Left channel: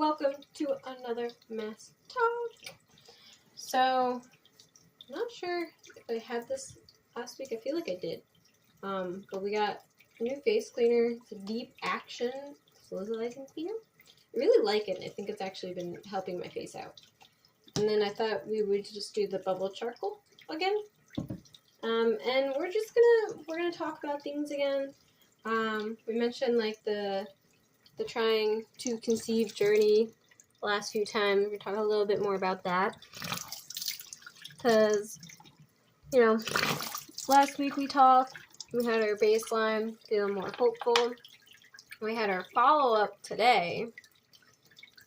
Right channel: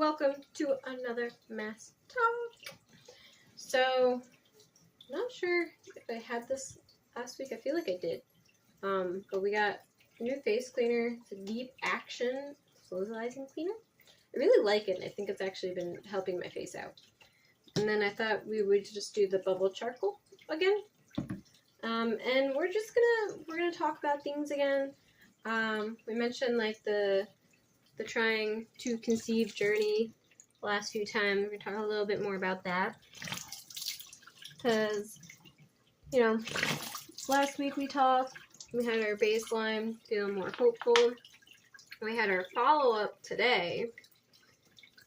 welcome to another Mass Talk. So, I'm not sure if I had this last week. I feel like I did. But we got a new face cleaner. It's a deep action solidifying cleaner. I really like it, and I think it's actually been helping my face out. And then I thought we would just do the bubble charcoal again. And we're gonna talk about things again. We mentioned like the trying to conceive journey last few times. We're talking a little bit more about that because last week we talked. We had our baseline, feeling more hopeful. We had our follow-up today,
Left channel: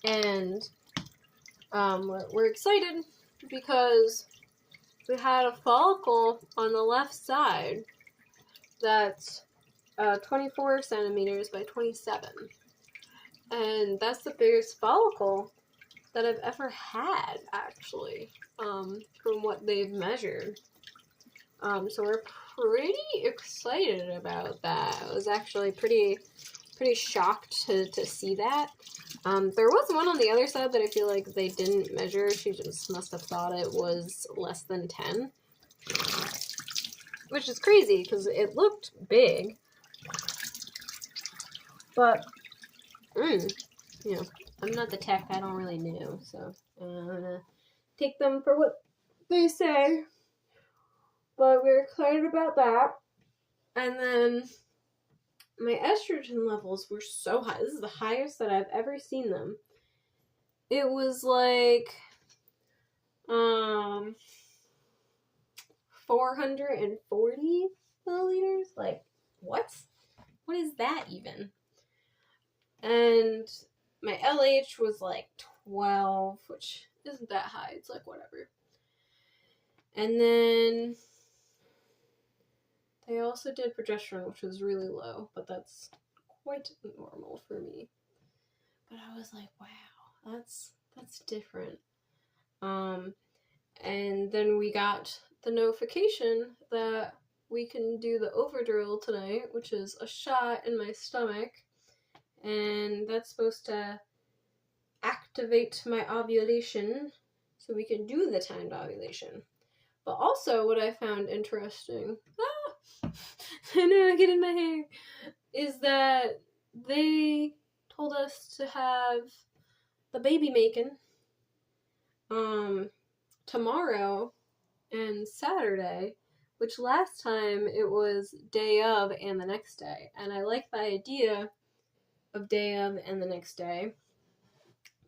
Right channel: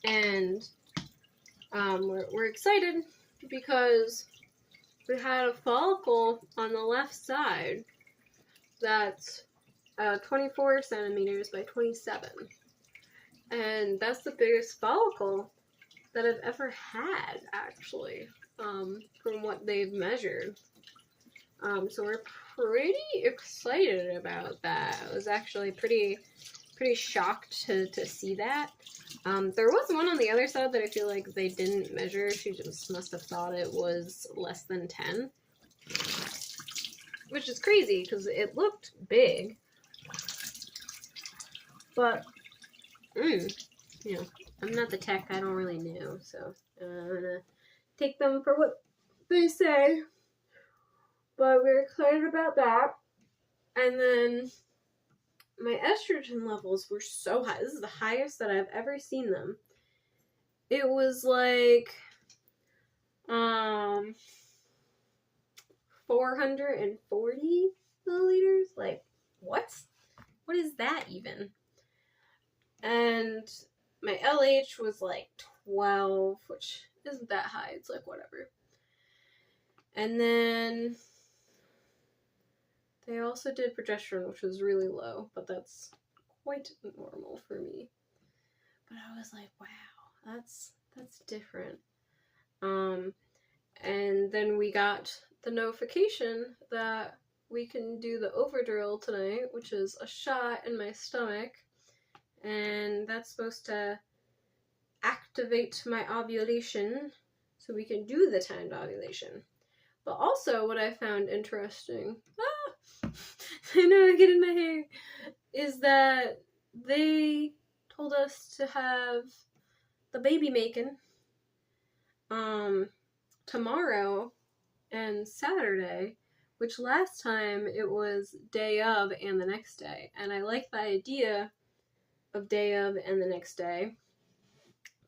and we're excited because we had a follicle on the left side that's 24 centimeters by 27. And that's the biggest follicle that I've ever had, actually, from what they've measured. So we're pretty excited about that. I was actually pretty shocked to see that. There was one on the other side that I feel like they didn't measure. She just must have thought it was less than 10. Which is crazy, because it looked big. But, I'm not the tech. I don't really know. So, I'm going to take them for what they say. But we're excited about that. And then my estrogen levels were so high. This is the highest that I've ever seen them. It was like 440 milliliters. Like, what? What is that even? And my LH was like 12, which isn't that high. It's like whatever. And then they also did progesterone, which was really low, but that's quite normal for me. But I was like, wow, that's different. And then we got the notification that we can do the Ovidrel tonight, which is a shot in my stomach, and that's supposed to activate my ovulation so we can do the timed ovulation. But also what I found interesting, I know I get in my hair, is that they told us to have the baby making tomorrow and Saturday, which last time it was day of and the next day. And I like the idea of day of and the next day,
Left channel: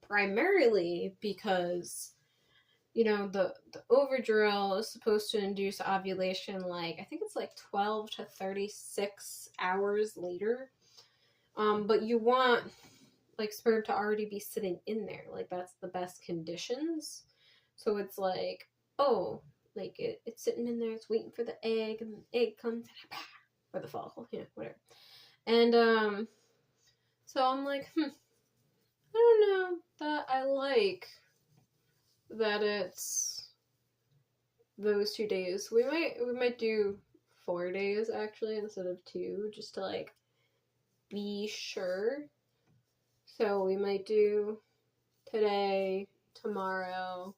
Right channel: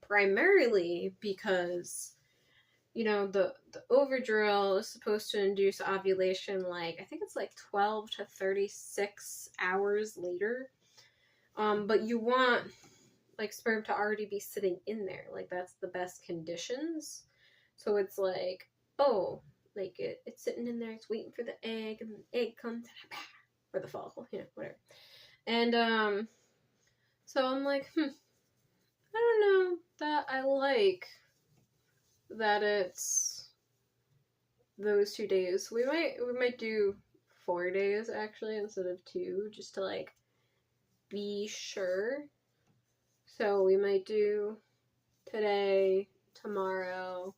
primarily because the Ovidrel is supposed to induce ovulation I think it's 12 to 36 hours later. But you want sperm to already be sitting in there. That's the best conditions. So it's it's sitting in there, it's waiting for the egg, and the egg comes, or the follicle, whatever. And so I'm like, I don't know that I like that it's those 2 days. We might do 4 days actually instead of 2, just to be sure. So we might do today, tomorrow,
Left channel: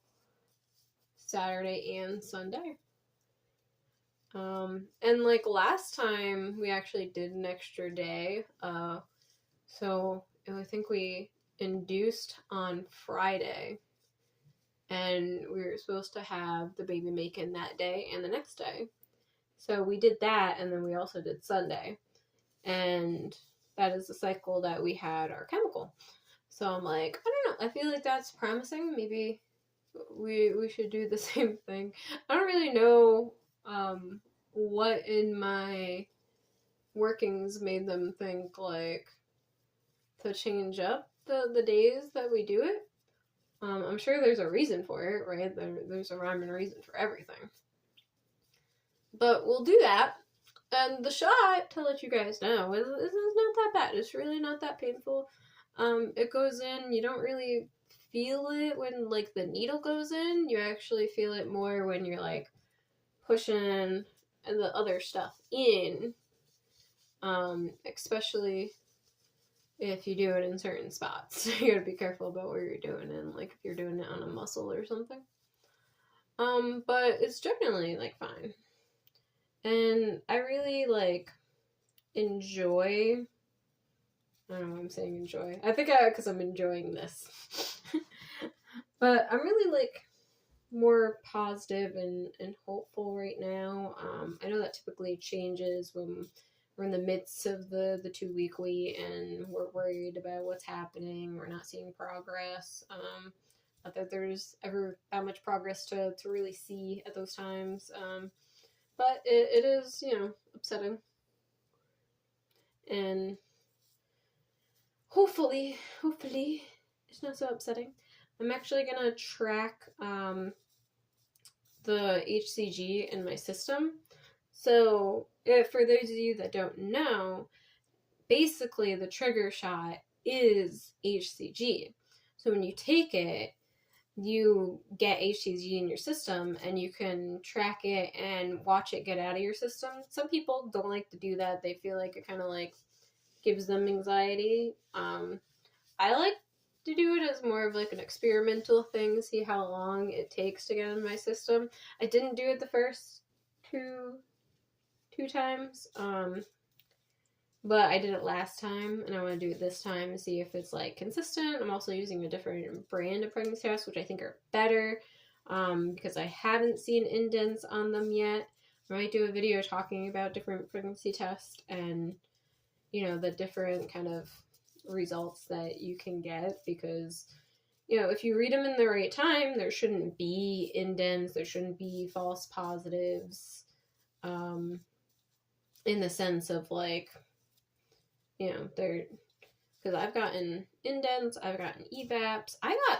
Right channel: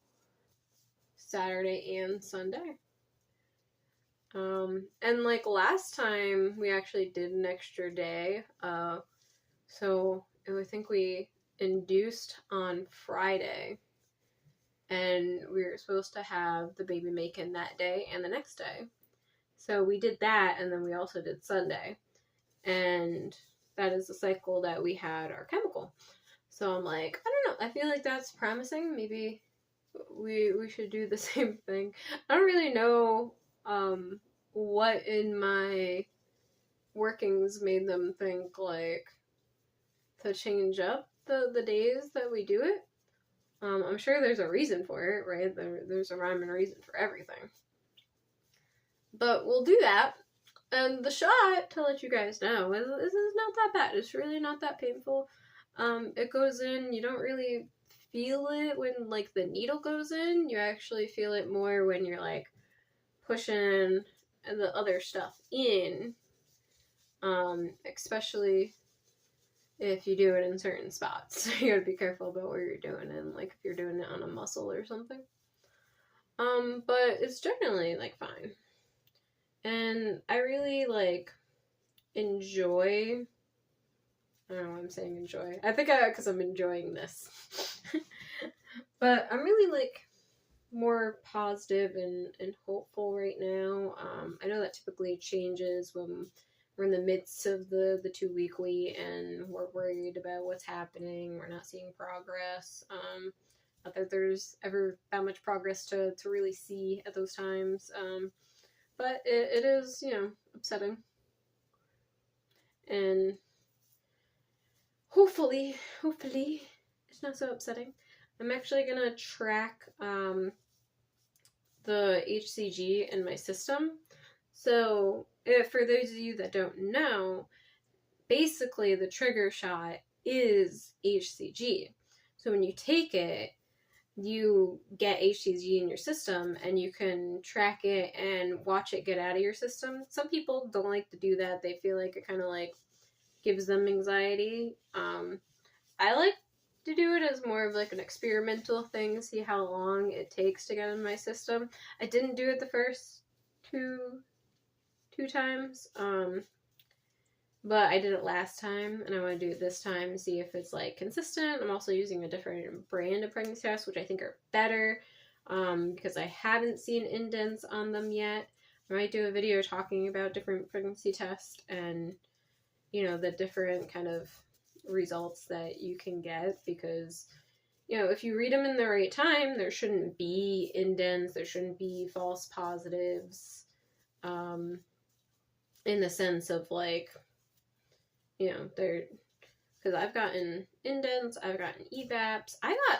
Saturday, and Sunday. And last time we actually did an extra day. So I think we induced on Friday. And we were supposed to have the baby making that day and the next day. So we did that, and then we also did Sunday. And that is the cycle that we had our chemical. So I'm like, I don't know. I feel like that's promising. Maybe we should do the same thing. I don't really know what in my workings made them think to change up the days that we do it. I'm sure there's a reason for it, right? There's a rhyme and reason for everything. But we'll do that. And the shot, to let you guys know, is not that bad. It's really not that painful. It goes in, you don't really feel it when, the needle goes in. You actually feel it more when you're, pushing the other stuff in. Especially if you do it in certain spots. You gotta be careful about where you're doing it, like if you're doing it on a muscle or something. But it's generally like fine. And I really like enjoy, I don't know why I'm saying enjoy. I think because I'm enjoying this. But I'm really like more positive and hopeful right now. I know that typically changes when we're in the midst of the 2-week wait and we're worried about what's happening. We're not seeing progress. Not that there's ever that much progress to really see at those times. But it is, upsetting. And hopefully, it's not so upsetting. I'm actually going to track the HCG in my system. So, for those of you that don't know, basically the trigger shot is HCG. So when you take it, you get HCG in your system and you can track it and watch it get out of your system. Some people don't like to do that. They feel like it kind of like gives them anxiety. I like to do it as more of like an experimental thing, see how long it takes to get in my system. I didn't do it the first two times, but I did it last time, and I want to do it this time and see if it's like consistent. I'm also using a different brand of pregnancy tests, which I think are better, because I haven't seen indents on them yet. I might do a video talking about different pregnancy tests and, the different kind of results that you can get, because if you read them in the right time, there shouldn't be indents, there shouldn't be false positives, in the sense of like, they're, because I've gotten indents, I've gotten EVAPs, I got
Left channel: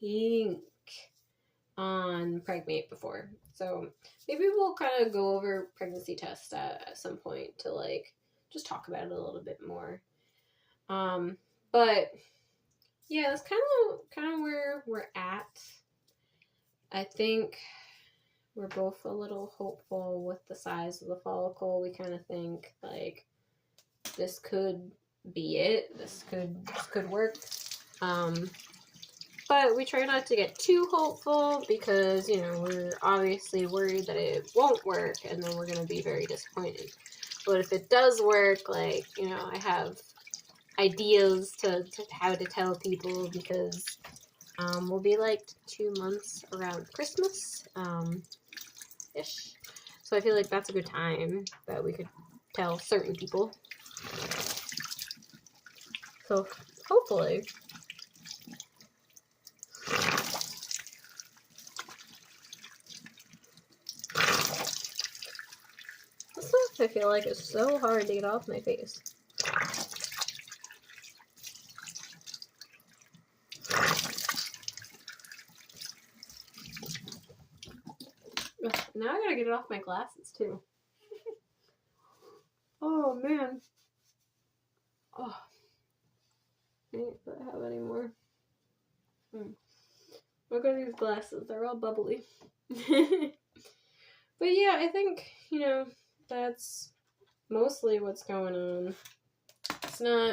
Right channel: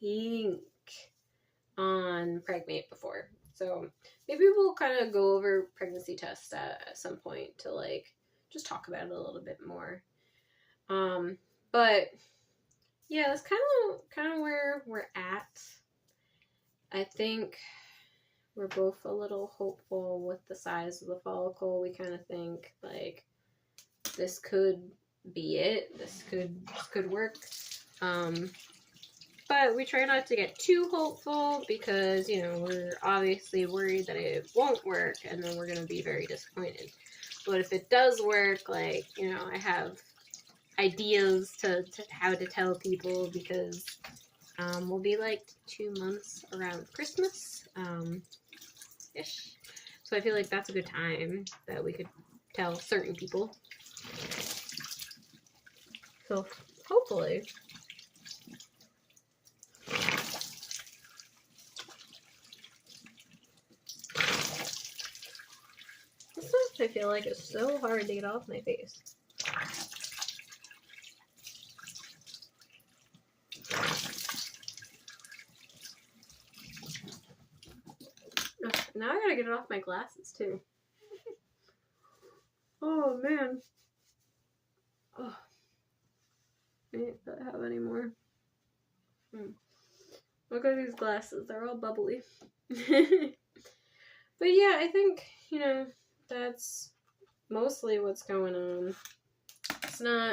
pink on Pregnate before, so maybe we'll kind of go over pregnancy tests at some point to like just talk about it a little bit more. But yeah, that's kind of where we're at. I think we're both a little hopeful with the size of the follicle. We kind of think like this could be it. This could work. But we try not to get too hopeful because, we're obviously worried that it won't work and then we're going to be very disappointed. But if it does work, like, I have ideas to how to tell people, because we'll be like 2 months around Christmas ish. So I feel like that's a good time that we could tell certain people. So hopefully. This stuff I feel like is so hard to get off my face. Now I gotta get it off my glasses too. Oh man. Oh. I don't have any more. Look at these glasses, they're all bubbly. But yeah, I think, that's mostly what's going on. It's not